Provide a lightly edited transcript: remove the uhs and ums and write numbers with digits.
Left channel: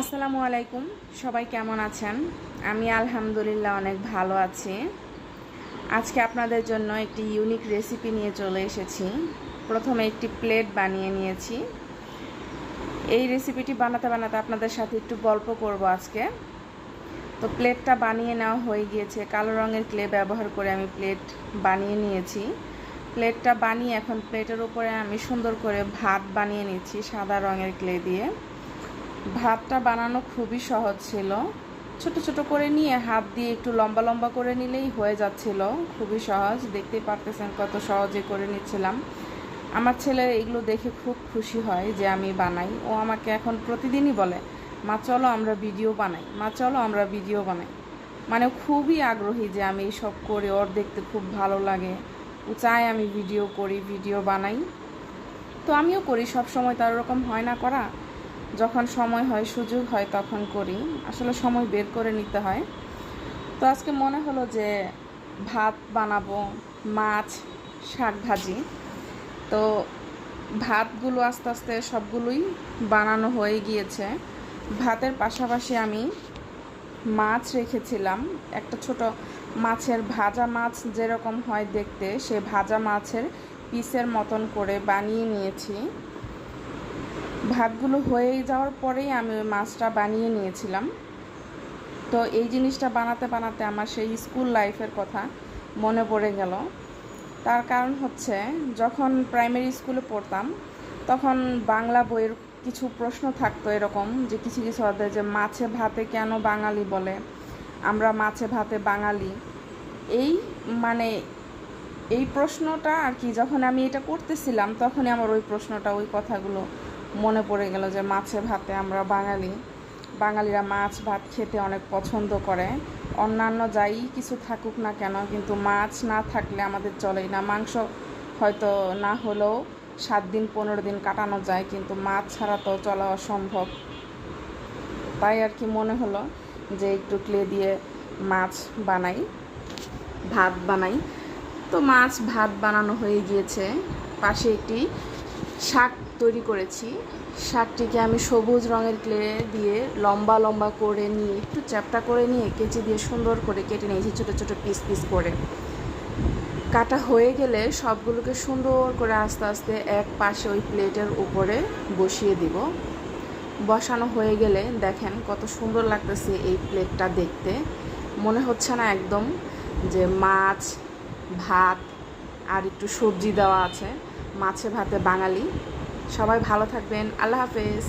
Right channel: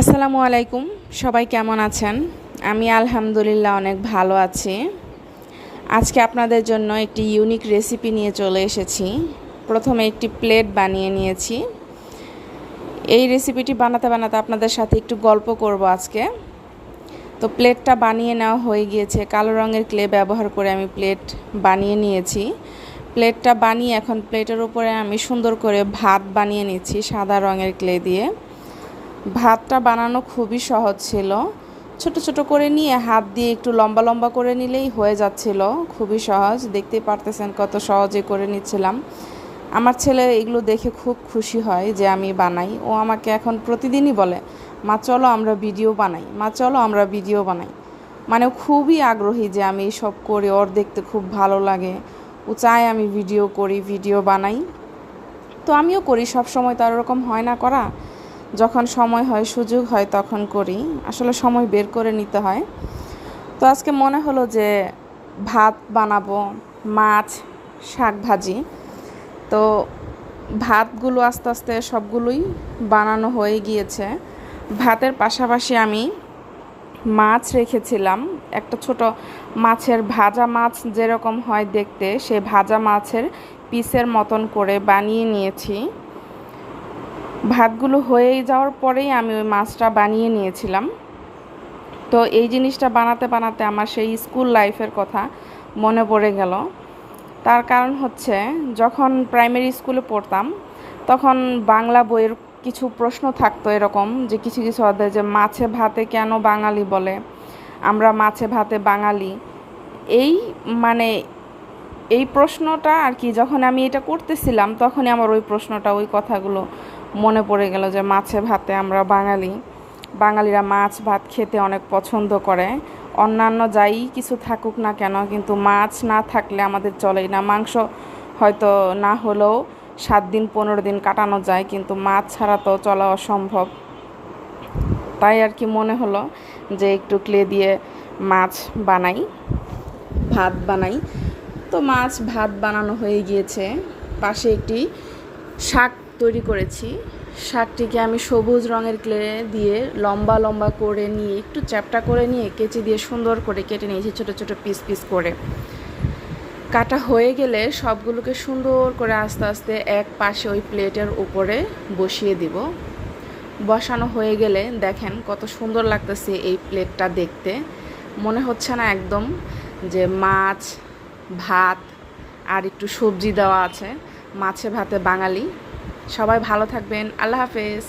আসসালামু আলাইকুম। সবাই কেমন আছেন? আমি আলহামদুলিল্লাহ অনেক ভালো আছি। আজকে আপনাদের জন্য একটি ইউনিক রেসিপি নিয়ে চলে এসেছি। প্রথমে একটি প্লেট বানিয়ে নিয়েছি। এই রেসিপিটি বানাতে বানাতে আপনাদের সাথে একটু গল্প করব আজকে। তো প্লেটটা বানিয়ে নেওয়া হয়ে গিয়েছে। কালো রঙের ক্লে ব্যবহার করে আমি প্লেট বানিয়ে নিয়েছি। প্লেটটা বানিয়ে এখন প্লেটের উপরে আমি সুন্দর করে ভাত বানিয়ে নিচ্ছি সাদা রঙের ক্লে দিয়ে। ভাতটা বানানো খুবই সহজ ছিল। ছোট ছোট করে নিয়ে হাত দিয়ে একটু লম্বা লম্বা করে নিলেই হয়ে যাচ্ছিল। খুবই সহজ, দেখতেই পারতেছেন কত সহজে করে নিচ্ছিলাম। আমার ছেলে এগুলো দেখে খুব খুশি হয় যে আমি বানাই। ও আমাকে এখন প্রতিদিনই বলে, মা চলো আমরা ভিডিও বানাই, মা চলো আমরা ভিডিও বানাই। মানে খুবই আগ্রহী যে আমি সব করি, ওর দেখতে খুব ভালো লাগে। ও চায় আমি ভিডিও করি, ভিডিও বানাই। তো আমিও করি, সব সময় তো আর ওরকম হয় না করা। যখন সময় হয়, সুযোগ হয় তখন করি। আসলে সময় বের করে নিতে হয়। তো আজকে মনে হলো যে ভাত বানাবো, মাছ, শাক ভাজি। তো ভাতগুলো আস্তে আস্তে সবগুলোই বানানো হয়ে গিয়েছে। ভাতের পাশাপাশি আমি মাছ রেখেছিলাম। একটা ছোট মাছের ভাজা মাছ যেরকম হয় দেখতে, সে ভাজা মাছের পিসের মতন করে বানিয়ে নিয়েছি। ভাতগুলো হয়ে যাওয়ার পরেই আমি ওই মাছটা বানিয়ে নিয়েছিলাম। তো এই জিনিসটা বানাতে বানাতে আমার সেই স্কুল লাইফের কথা মনে পড়ে গেল। তার কারণ হচ্ছে, যখন প্রাইমারি স্কুলে পড়তাম তখন বাংলা বইয়ের কিছু প্রশ্ন থাকতো এরকম, যে কিছু কিছু অধ্যায়, যে মাছে ভাতে কেন বাঙালি বলে, আমরা মাছে ভাতে বাঙালি। এই মানে এই প্রশ্নটা আর কি, যখন আমি এটা করতেছিলাম তখনই আমার ওই প্রশ্নটা, ওই কথাগুলো মনে পড়ে গেল যে মাছে ভাতে আমরা বাঙালি। বাঙালিরা মাছ ভাত খেতে অনেক পছন্দ করে। অন্যান্য যাই কিছু থাকুক না কেন, কিন্তু মাছ না থাকলে আমাদের চলেই না। মাংস হয়তো না হলেও 7 দিন 15 দিন কাটানো যায়, কিন্তু মাছ ছাড়া তো চলা অসম্ভব। তাই আর কি মনে হলো যে একটু ক্লে দিয়ে মাছ বানাই, ভাত বানাই। তো মাছ ভাত বানানো হয়ে গিয়েছে। পাশে একটি শাক তৈরি করেছি। শাকটিকে আমি সবুজ রঙের ক্লে দিয়ে লম্বা লম্বা করে নিয়ে, একটু চ্যাপ্টা করে নিয়ে কেচি দিয়ে সুন্দর করে কেটে নিয়েছি ছোটো ছোটো পিস পিস করে। কাটা হয়ে গেলে সবগুলোকে সুন্দর করে আস্তে আস্তে এক পাশে ওই প্লেটের উপরে বসিয়ে দিব। বসানো হয়ে গেলে দেখেন কত সুন্দর লাগতেছে এই প্লেটটা দেখতে। মনে হচ্ছে না একদম যে মাছ ভাত আর একটু সবজি দেওয়া আছে, মাছে ভাতে বাঙালি। সবাই ভালো থাকবেন। আল্লাহ হাফেজ।